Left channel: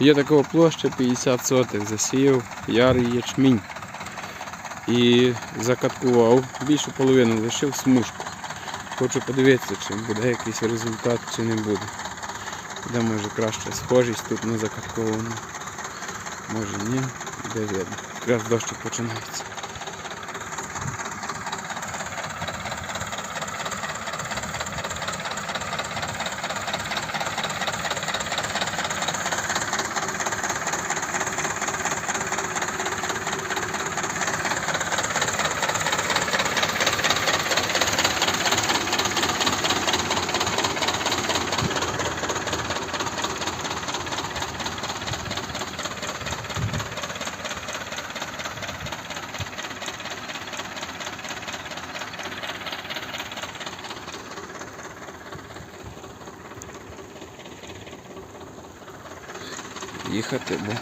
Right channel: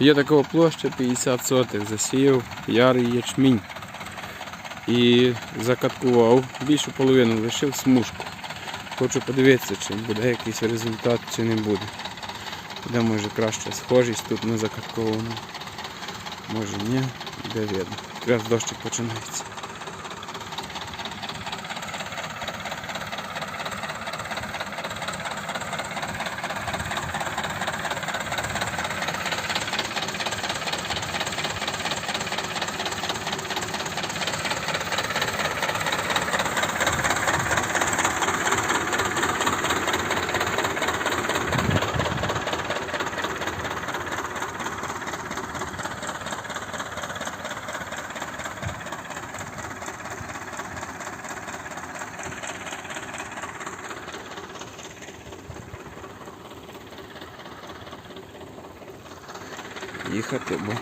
Є такого площа 50 сотих, засіяв ярий ячмінь. І закаткував більшу половину, лишив смужку. Хочу подивитися, чи буде якийсь результат, чи не буде. Де може краще схожість тут на закатковану. Може ні, де видно. Якраз дощик починається. Їхати, бо